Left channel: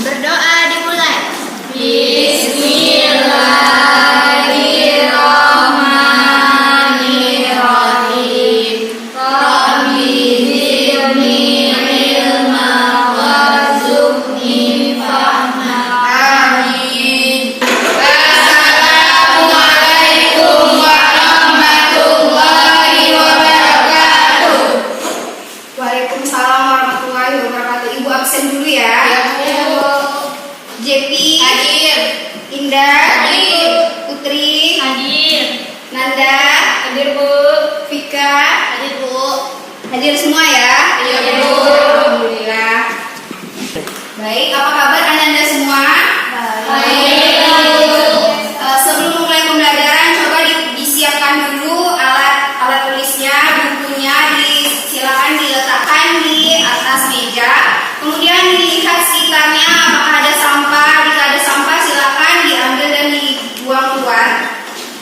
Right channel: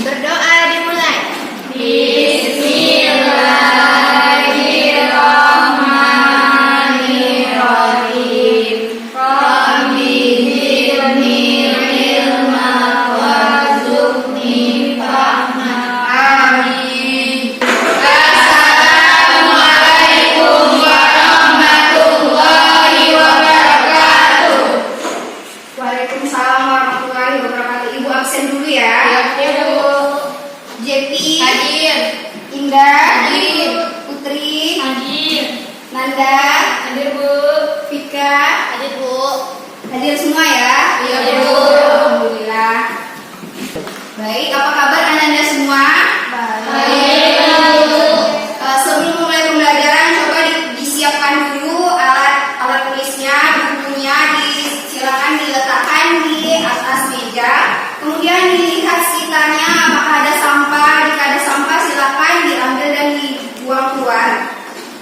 Berdoa dimulai. Bismillahirrahmanirrahim. Rabbi zidni ilma warzuqni fahma. Amin. Assalamualaikum warahmatullahi wabarakatuh. Waalaikumsalam warahmatullahi wabarakatuh. Ibu absen dulu ya. Jepi Hadir. Indah Hadir. Putri Hadir. Nanda Hadir, Bu. Vika Hadir, Bu. hadir semua ya. Iya, Bu. Alhamdulillah. Baik, apa kabar anda semua? Baik, Bu. Sebelum mulai pembelajaran coba disiapkan dulu alat tulisnya, bukunya silakan diletakkan di atas meja. Kemudian dilihat sekitarnya apakah ada sampah. Jika ada sampah silakan diambil dan dibuang keluar.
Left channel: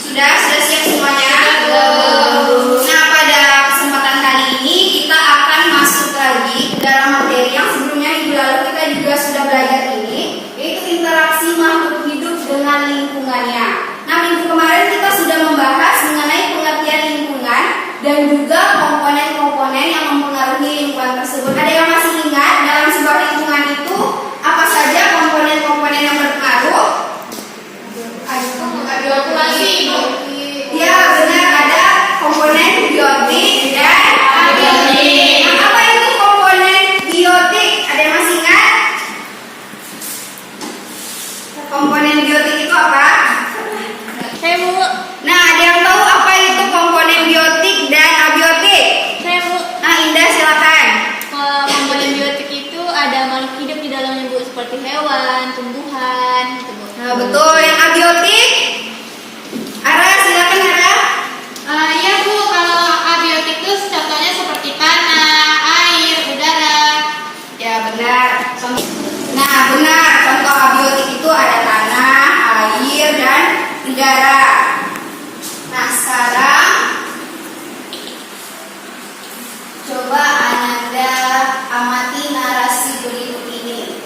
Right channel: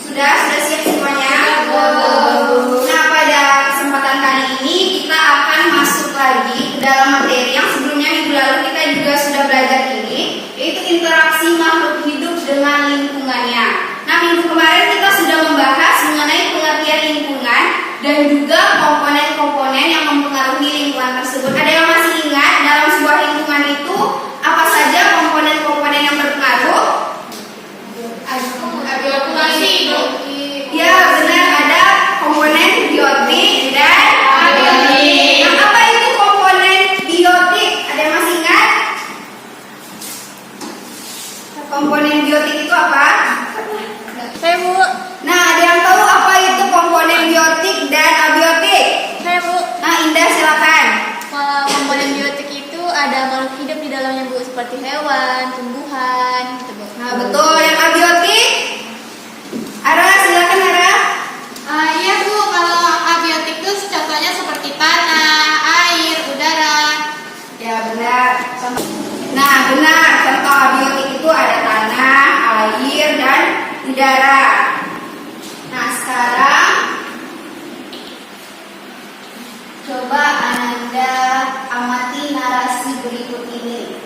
Sudah siap semuanya? Nah, pada kesempatan kali ini kita akan masuk lagi dalam materi yang sebelumnya minggu lalu kita juga sudah belajar ini, yaitu interaksi makhluk hidup dengan lingkungannya. Nah, minggu kemarin kita sudah membahas mengenai pengertian lingkungan dan juga komponen-komponen yang mempengaruhi lingkungan tersebut. Ada yang masih ingat dalam sebuah lingkungan itu apa saja komponen-komponen yang berpengaruh? Ya, benar, ada komponen biotik dan abiotik. Nah, apa itu komponen biotik? Ada yang masih ingat? Komponen biotik itu apa? Saya, Bu. Nah, ada yang tahu apa itu komponen biotik dan abiotik? Saya, Bu. Nah, Indah silakan. Komponen biotik itu ada makhluk hidup di dalamnya, Bu, seperti hewan, tumbuhan, gitu, Bu. Nah, betul. Yang abiotik? Ara, silakan Ara. Iya, Bu. Kalau abiotik itu contohnya seperti tanah, air, udara. Ya, benar. Nah, benar. Contoh abiotik itu ada tanah, air, dan udara. Nah, sekarang coba Anda amati narasi berikut ini.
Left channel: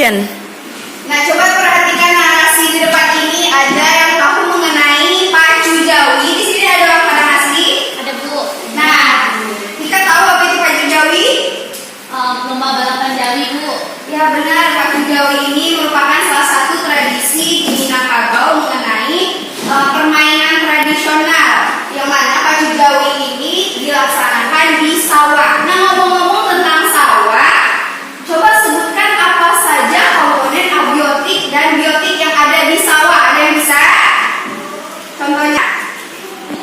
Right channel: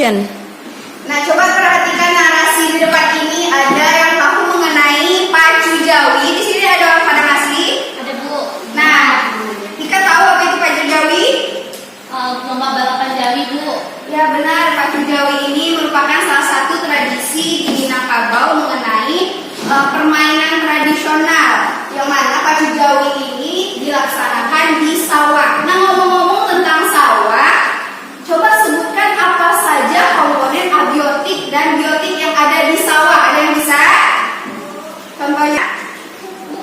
Nah, coba perhatikan narasi di depan ini. Ada yang tahu mengenai pacu jawi? Di sini ada orang pada ngasih. Ada, Bu. Nah, kita tahu apa itu pacu jawi? Lomba balapan Jawi, Bu. Ya benar, pacu jawi ini merupakan salah satu tradisi di Minangkabau mengenai permainan tradisional, yang mana pacu jawi ini dilaksanakan di sawah. Nah, ngomong-ngomong tentang sawah, coba sebutkan apa saja komponen abiotik dan biotik yang ada di sawah. Ada yang bisa? Contohnya?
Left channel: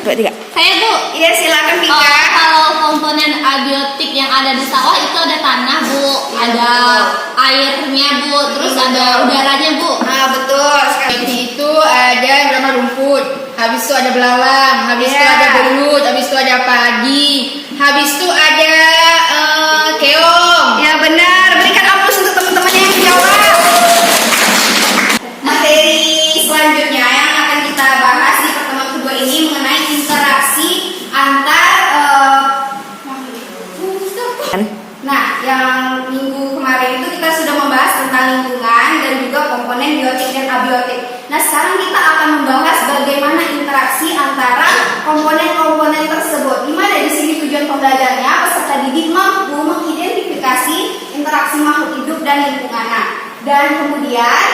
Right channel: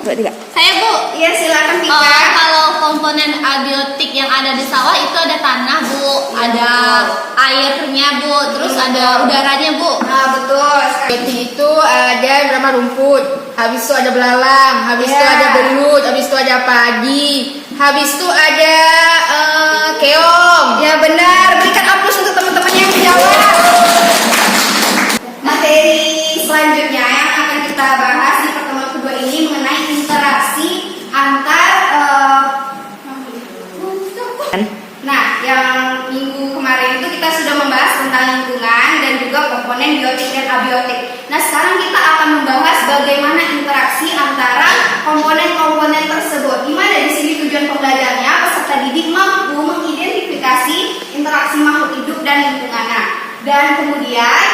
2, 3. Saya, Bu. Iya, silakan Vika. Kalau komponen abiotik yang ada di sawah itu ada tanah, Bu, ada airnya, Bu, terus ada udaranya, Bu. Nah, betul. Biotik itu ada yang bernama rumput, habis itu ada belalang, habis itu ada belut, habis itu ada padi, habis itu ada keong. Ya benar, berikan aplaus untuk teman-teman yang menjawab. Materi selanjutnya yang akan kita bahas di pertemuan kedua ini mengenai interaksi antar Nah, yang minggu kemarin itu kita sudah membahas tentang lingkungan dan juga komponen biotik dan abiotik. Nah, sekarang kita akan membahas bagaimana interaksi antara komponen-komponen tersebut. Di mana di sini tujuan pembelajarannya peserta didik mampu mengidentifikasi interaksi makhluk hidup dan lingkungannya. Dan kemudian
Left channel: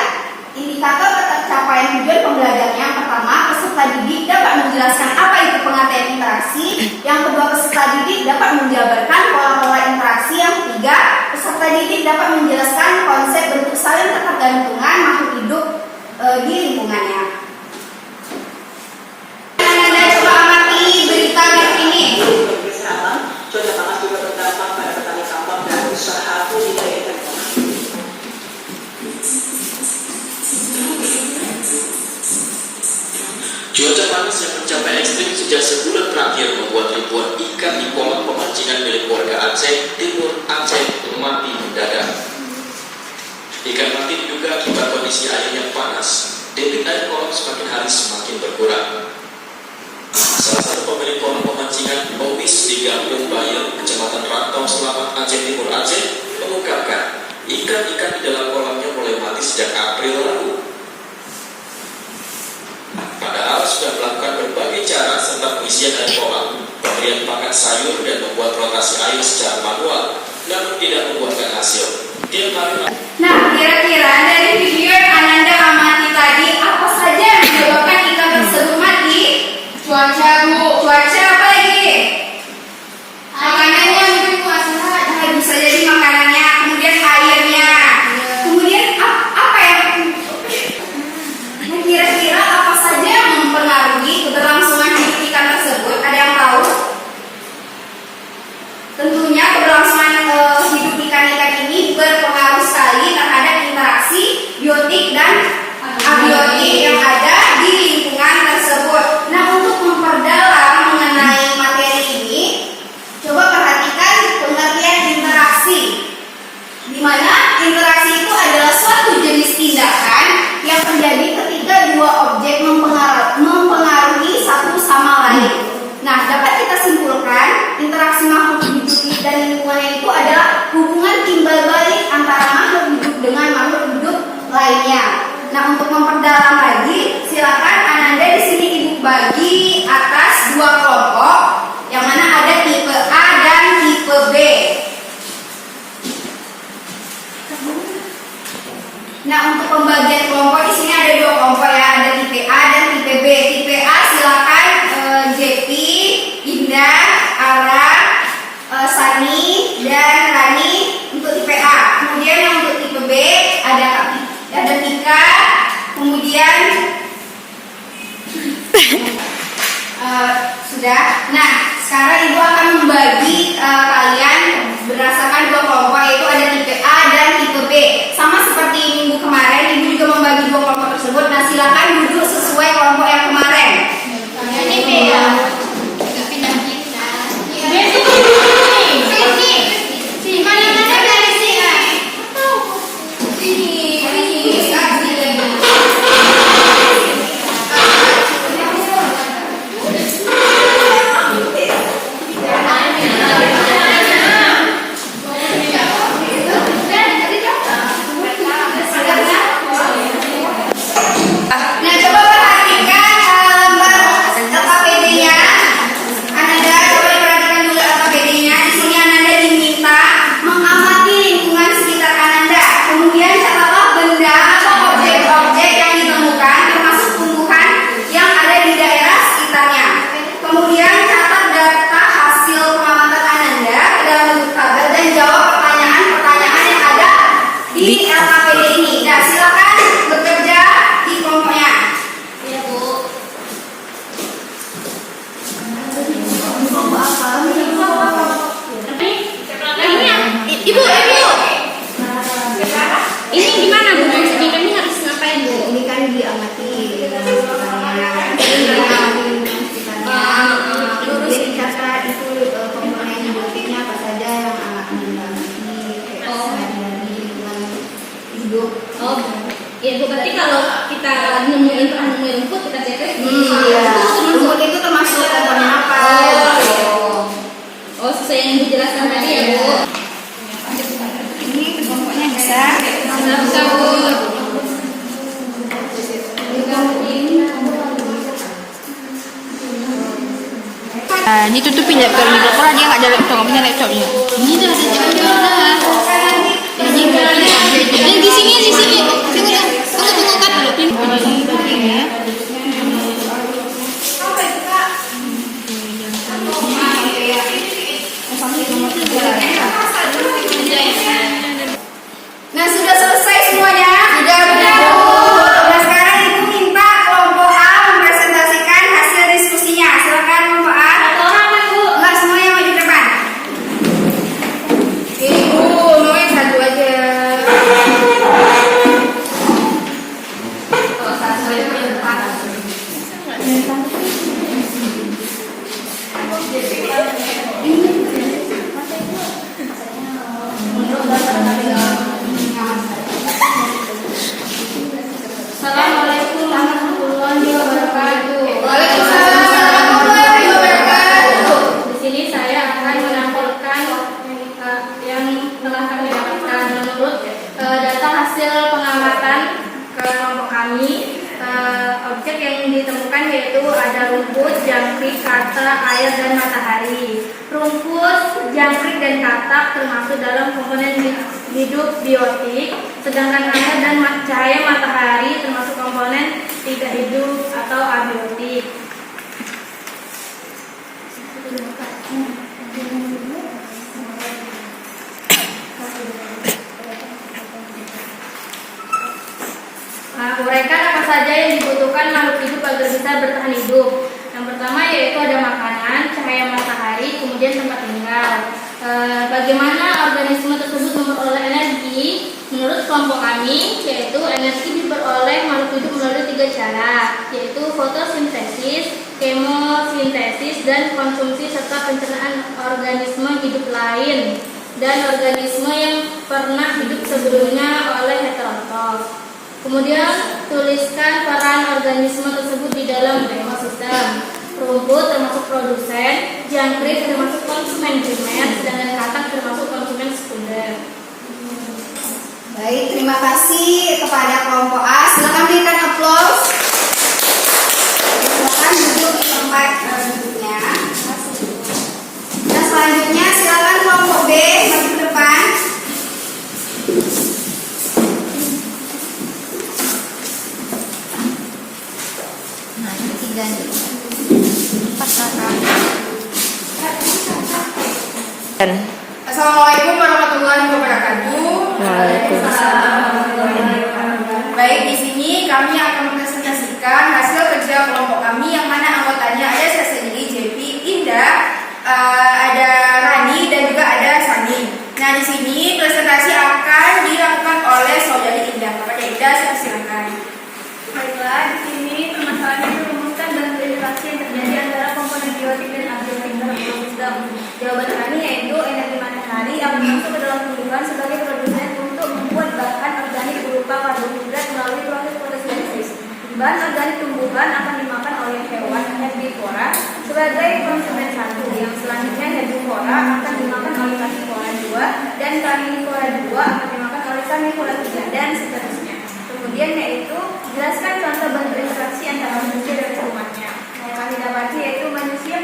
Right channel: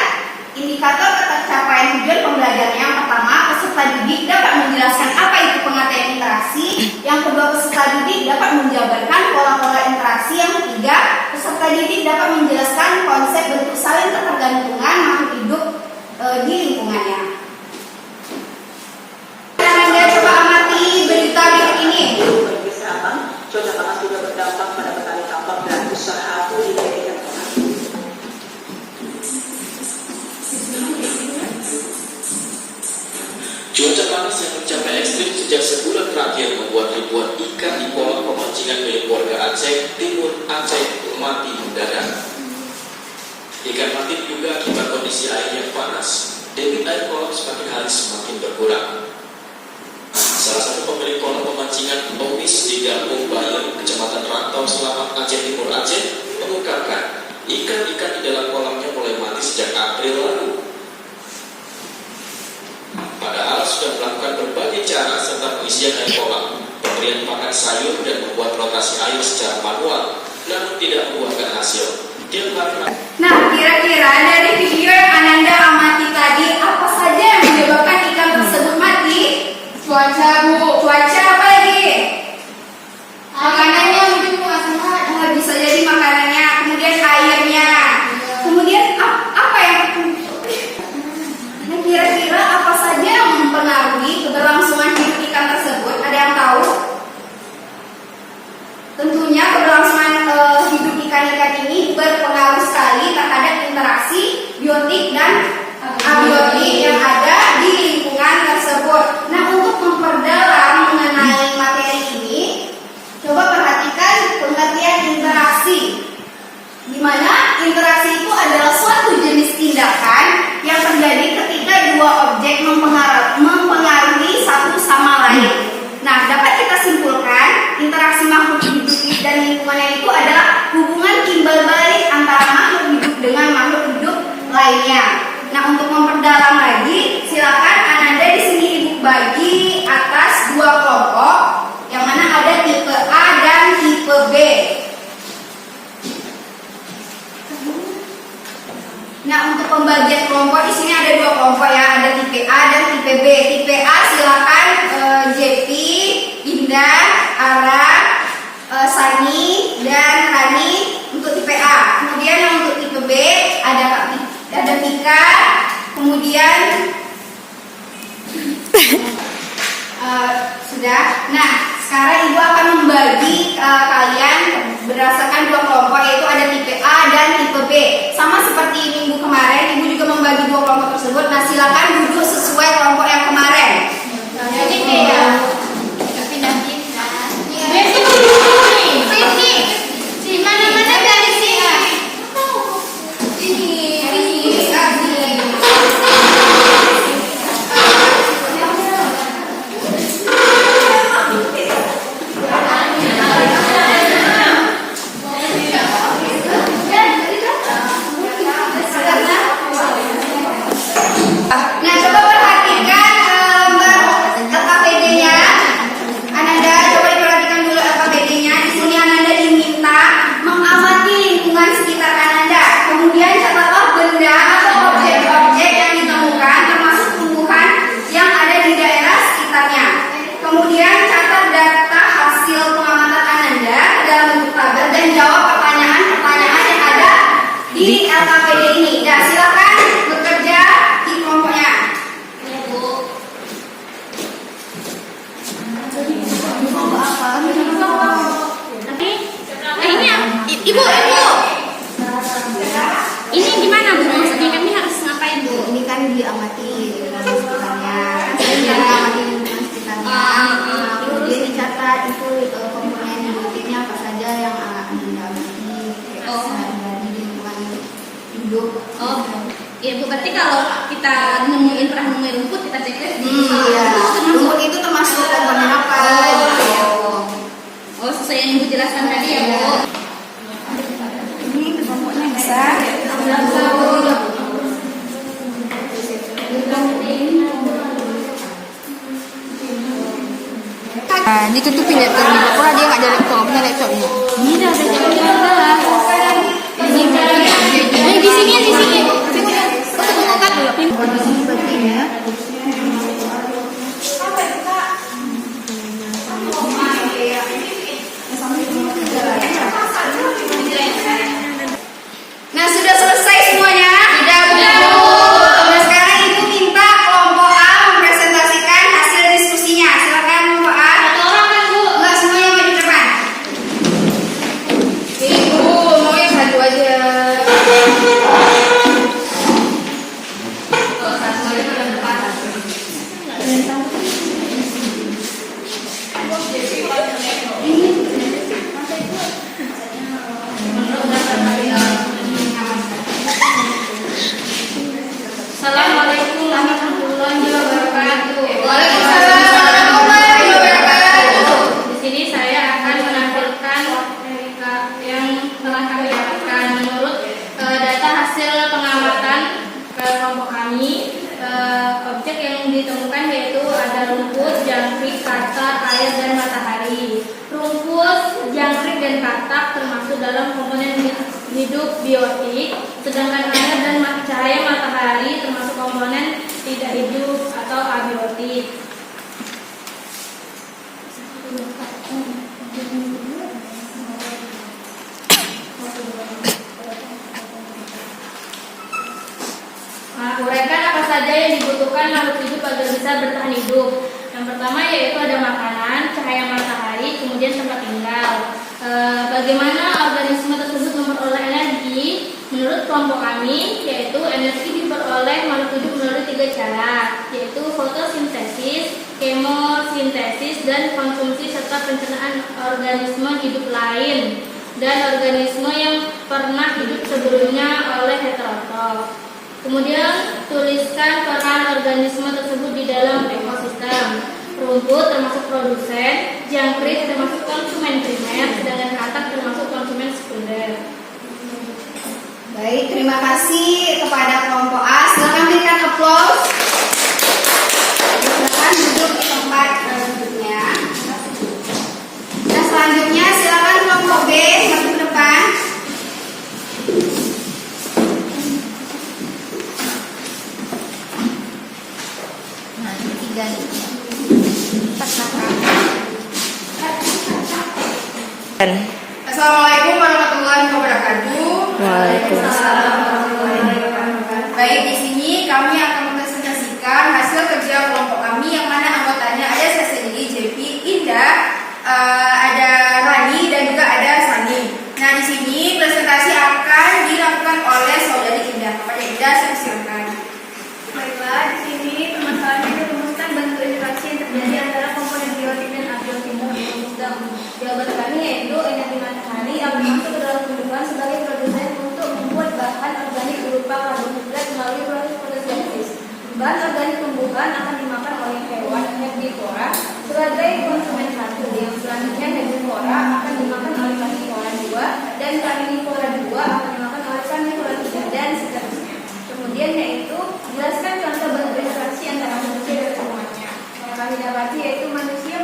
indikator tercapaian tujuan pembelajaran yang pertama, peserta didik dapat menjelaskan apa itu pengertian interaksi. Yang kedua, peserta didik dapat menjabarkan pola-pola interaksi. Yang ketiga, peserta didik dapat menjelaskan konsep bentuk saling ketergantungan makhluk hidup di lingkungannya. Anda coba amati berita berikut ini. Kesehatan, cuaca panas juga berdampak pada petani tambak dan usaha budidaya ikan tuna. Cuaca panas yang mencapai ekstrim sejak sebulan terakhir membuat ribuan ikan di kolam pemancingan milik warga Aceh Timur Aceh mati mendadak. Ikan mati diduga akibat kondisi air yang panas. Debit berkurang. Salah satu pemilik kolam pemancingan Owis di Kampung Bayan, Kecamatan Rantau, Selamat, Aceh Timur Aceh, mengungkapkan ikan-ikan di dalam kolamnya mulai mati sejak April lalu. Padahal sudah melakukan berbagai cara serta pengisian air kolam, pemberian pakan sayur dan membuat rotasi air secara manual, namun tidak membuahkan hasil. Tiap hari. Nah, kira-kira dari video yang Ananda amati tadi, apa saja yang menyebabkan ikan tersebut mati? Cuaca, Bu. Cuaca, apa lagi? Makanannya mungkin Bu Asina, bisa jadi makanannya, kemudian airnya. Kemudian apa yang nah, kira-kira apa saja yang mempengaruhi keberlangsungan hidup ikan tersebut? Ada yang tahu? Tentunya keberlangsungan hidup ikan-ikan ini berpengaruh sekali terhadap interaksi biotik dan abiotik yang ada di lingkungan tersebut. Nah, untuk memperdalam mengenai materi ini, coba perhatikan pengertian interaksi, di mana interaksi itu adalah suatu jenis tindakan yang terjadi ketika dua objek mempengaruhi satu sama lain. Nah, dapat kita simpulkan interaksi makhluk hidup dan lingkungannya itu adalah hubungan timbal balik antara makhluk hidup dengan makhluk hidup lainnya. Nah, untuk memperdalam lagi, silakan Ananda di sini Ibu bagi atas dua kelompok, yang mana ada tipe A dan tipe B. Nah, untuk pembagian kelompok di sini ada dua kelompok ya, ada tipe A dan tipe B. Tipe A silakan JP, Indah, Ara, Sani, dan Rani untuk tipe A. Kemudian yang untuk tipe B ada Tika, kemudian sudah. Nah, sekarang Ibu akan membagi kalian berdasarkan dua kelompok, yaitu ada tipe A dan tipe B. Sama seperti minggu kemarin, Ibu juga membagi dua kelompok tersebut. Nah, silakan duduk sesuai kelompok yang kemarin. Jadi B ya. Di mana-mana dari sini. Nah, coba perhatikan LKPD-nya. Ananda, coba diperhatikan dulu LKPD-nya. Di sini Ananda diminta mengamati lingkungan sekitar Ananda. Kemudian catatlah benda atau objek-objek yang ditemukan, termasuk tumbuhan yang ada di daerah sekitarnya. Kemudian catat data hasil pengamatan Ananda dalam bentuk tabel dan jawab pertanyaan-pertanyaan yang ada di LKPD ini. Nah, silakan bekerja di kelompoknya. Ya, Bu. Ini Ibu. Ini gimana, Bu? Maksudnya kami harus ngapain, Bu? Ini kan diamati lingkungan sekitarnya. Diamati lingkungan sekitarnya. Kemudian dicatat itu komponen hidupnya apa saja yang akan diamati, kayak sehari-hari lingkungan hidup. Oh, ya Bu, berarti kalau kita nemuin rumput, kita cek Iya. Rumput itu termasuk komponen apa? Oh, sesuai yang Ibu jelaskan tadi ya, Bu. Ini kelompoknya bisa. Bisa, Bu. Ditutupin laptopnya. Kalau dia nggak ada laptop, punya laptopnya. Ini dah ada laptopnya. Ini di sini. Tunggu dah. Tunggu kan dulu. Ini bagian ya. Nah, sudah selesai semuanya? Sudah, Bu. Nah, sekarang Ibu minta kelompok A mempresentasikan hasil diskusinya. Silakan kelompok A. Satu orang kan, Bu? Enggak, semuanya maju depan. Ibu, mau yang satu aja. Kalau satu saya yang depan. Assalamualaikum warahmatullahi wabarakatuh. kami, objek yang ditemukan yaitu ada rumput, jangkrik, katak, air, dan matahari. Rumput, jangkrik, dan katak termasuk dalam komponen hidup biotik, sedangkan air dan cahaya matahari termasuk komponen tidak hidup atau abiotik. Uraikan apa saja yang dibutuhkan makhluk hidup agar bisa bertahan hidup. Yang pertama yaitu ada makanan, cahaya matahari, kemudian tempat tinggal. Bagaimana organisme tersebut memperoleh energi? Menurut kelompok kami, yaitu energi diperoleh makhluk hidup melalui 3 cara, yaitu fotosintesis, kemosintesis, dan konsumsi serta pencernaan organisme hidup lain dan organisme yang pernah hidup sebelumnya oleh heterotrof. Kemudian tuliskan peran organisme tersebut di dalam ekosistem. Rumput termasuk produsen, jangkrik termasuk konsumen primer, sedangkan katak termasuk konsumen sekunder. Baik, terima kasih kepada kelompok A. Silakan berikan aplaus. Silakan duduk di tempat duduknya. Dan selanjutnya silakan kelompok B maju ke depan. Assalamualaikum warahmatullahi wabarakatuh. Baik, di sini kami akan mempresentasikan hasil kerja kelompok kami yang mana anggotanya ada saya sendiri, JP, Indah, ada Rani dan juga ada Sani. Nah, di sini presentasi akan dilakukan oleh saudari Indah. Kepada Indah, saya silakan. Baiklah, di sini permasalahannya dirumuskan bentuk interaksi yang terjadi antara komponen biotik dan abiotik dalam ekosistem. Jawaban kami yaitu energi matahari akan masuk ke dalam tumbuhan sebagai produsen untuk membuat bahan organik berupa karbohidrat melalui proses fotosintesis. Bahan organik tumbuhan akan dimakan oleh hewan herbivora sebagai konsumen satu. Yang selanjutnya herbivora akan dimakan oleh karnivora 2 dan karnivora 2 akan dimakan oleh karnivora 3 dan seterusnya. Kemudian yaitu jelaskan contoh bentuk interaksi antara manusia dan semuanya. Yang kami dapati yaitu manusia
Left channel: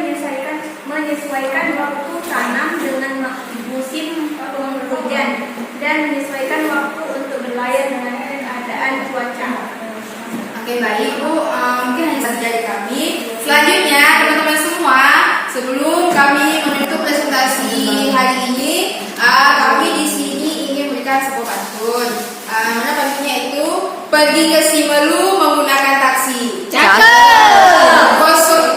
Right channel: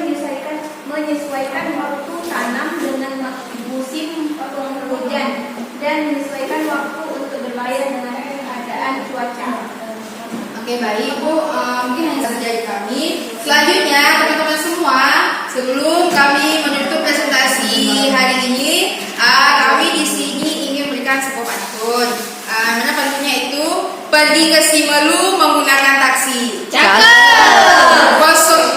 menyesuaikan waktu tanam dengan musim penghujan dan menyesuaikan waktu untuk berlayar dengan keadaan cuaca. Oke, baik Bu, mungkin hanya saja dari kami. Selanjutnya teman-teman semua, sebelum kami menutup presentasi hari ini, kami di sini ingin memberikan sebuah pantun. Mana pantunnya itu? Pergi ke Simelu menggunakan taksi. Cakep.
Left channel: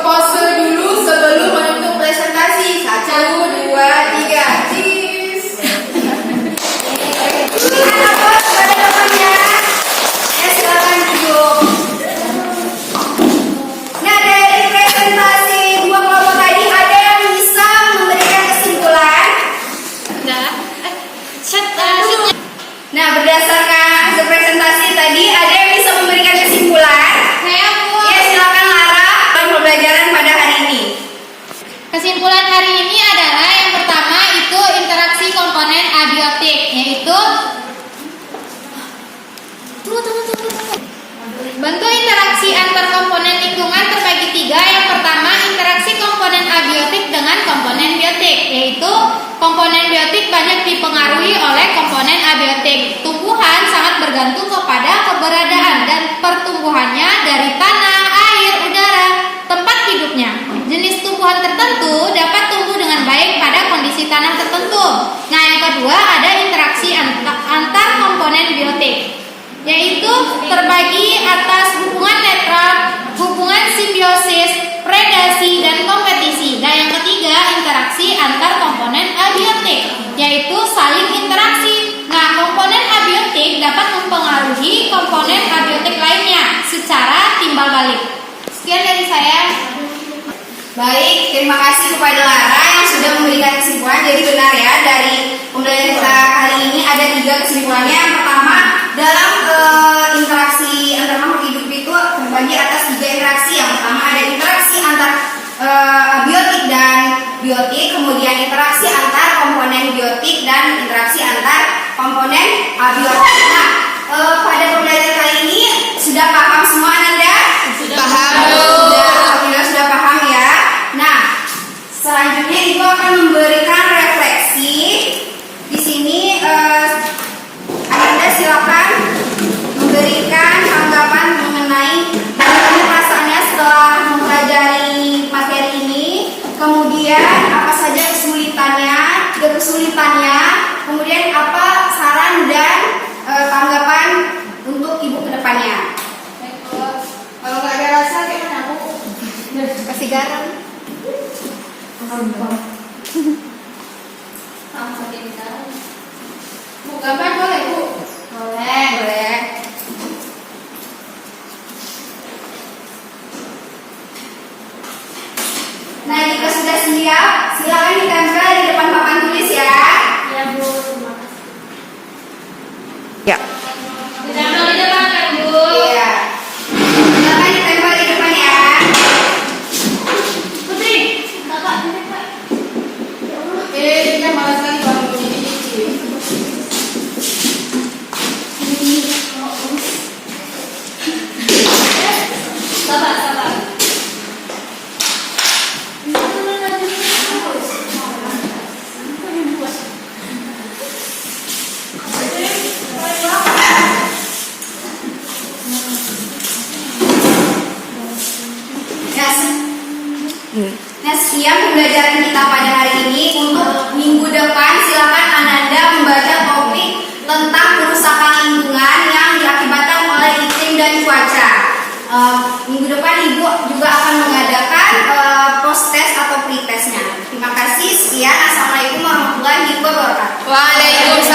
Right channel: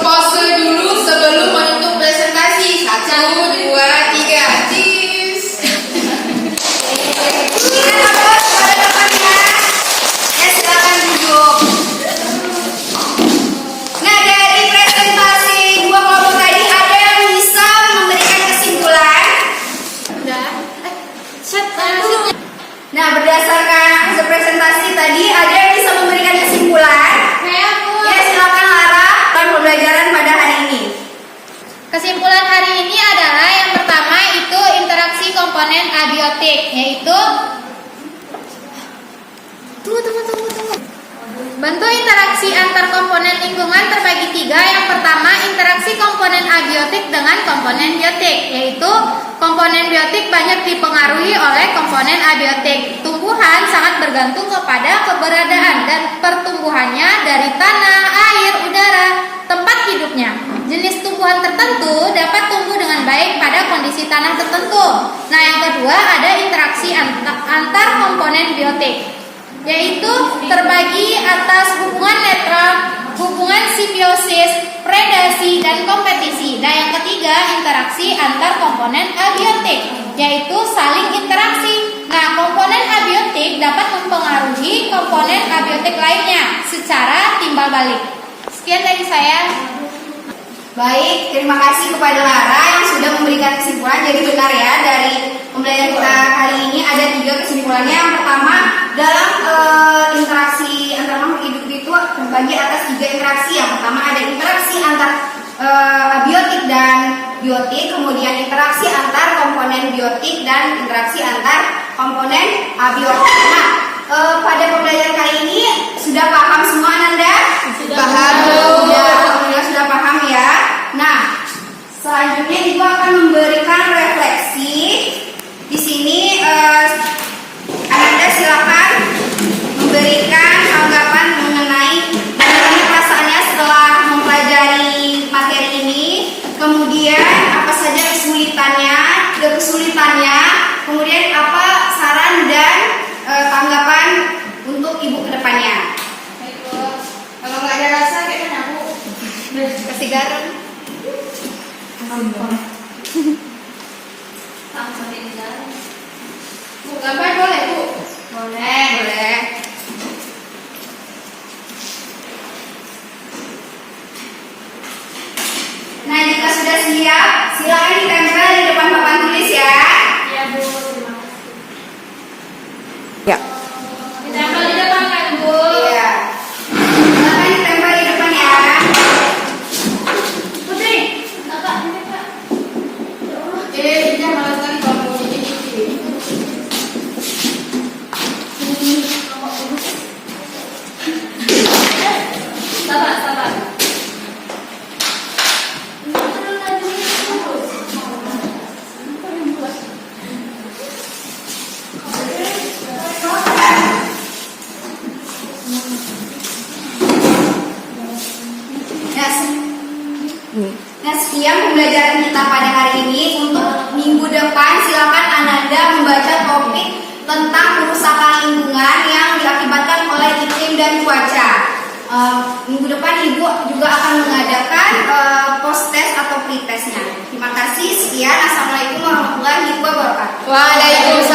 Pose dulu sebelum menutup presentasi. 1, 2, 3. Cheers. Berikan aplaus kepada temannya. Ya, silakan duduk. Nah, dari presentasi dua kelompok tadi ada yang bisa memberikan kesimpulan. Nah, berdasarkan hasil presentasi tadi, ada yang bisa memberikan kesimpulan? Saya Bu. Ya, silakan Lara. Pembelajaran pada hari ini. Kesimpulan hari ini adalah yang pertama itu interaksi komponen abiotik, yaitu bentuk interaksi antar komponen lingkungan terbagi 3. Yang pertama, interaksi komponen abiotik dengan komponen biotik, yaitu komponen biotik banyak dipengaruhi oleh komponen abiotik. Tumbuhan sangat bergantung kepada keberadaan dan pertumbuhannya dari tanah, air, udara, tempat hidupnya. Jenis tumbuhan tertentu dapat tumbuh dengan baik pada kondisi tanah tertentu. Nah, yang kedua ada interaksi antar komponen biotik, yaitu terbagi atas hubungan netral, hubungan simbiosis, predasi, dan kompetisi. Dan yang ketiga, interaksi antar komponen abiotik, yaitu saling interaksi. Nah, komponen abiotik dapat mempengaruhi komponen abiotik lainnya secara timbal balik. Sekian dari saya. Baik, terima kasih kepada Lara yang sudah memberikan kesimpulan. Jadi benar ya, dari pembelajaran kita kali ini ada 3 kesimpulannya. Yang pertama, dalam interaksi antar makhluk hidup itu terbagi atas 3 interaksi. Yang pertama ada interaksi antar abiotik dan biotik, kemudian interaksi antar komponen biotik dan interaksi antar komponen abiotik. Nah, pada pembelajaran kali ini sudah tanggapan untuk Ibu ke depannya. Kalau nggak ada rasa kayak mana Bu? Kasih garam. Langsung tidak. Bu, gambar boleh Bu? Boleh. Boleh. Nah, jika sudah siap, silakan ditempel di depan papan tulis ya. Ya Bu, terima kasih. Ditempel di depan kan, Bu? Iya. Silakan ditempel di depan ya. Putri, kakak, ini kak. Dia malas sekali kalau mau nyicip. Sabar, sabar. Nah, sekian pembelajaran kita pada hari ini. Untuk minggu depan silakan Ananda membaca topik tentang kerusakan lingkungan yang diakibatkan oleh iklim dan cuaca. Minggu depan Ibu juga akan mengadakan post-test atau pre-testnya. Terima kasih. Sekian. Assalamualaikum warahmatullahi wabarakatuh. Waalaikumsalam.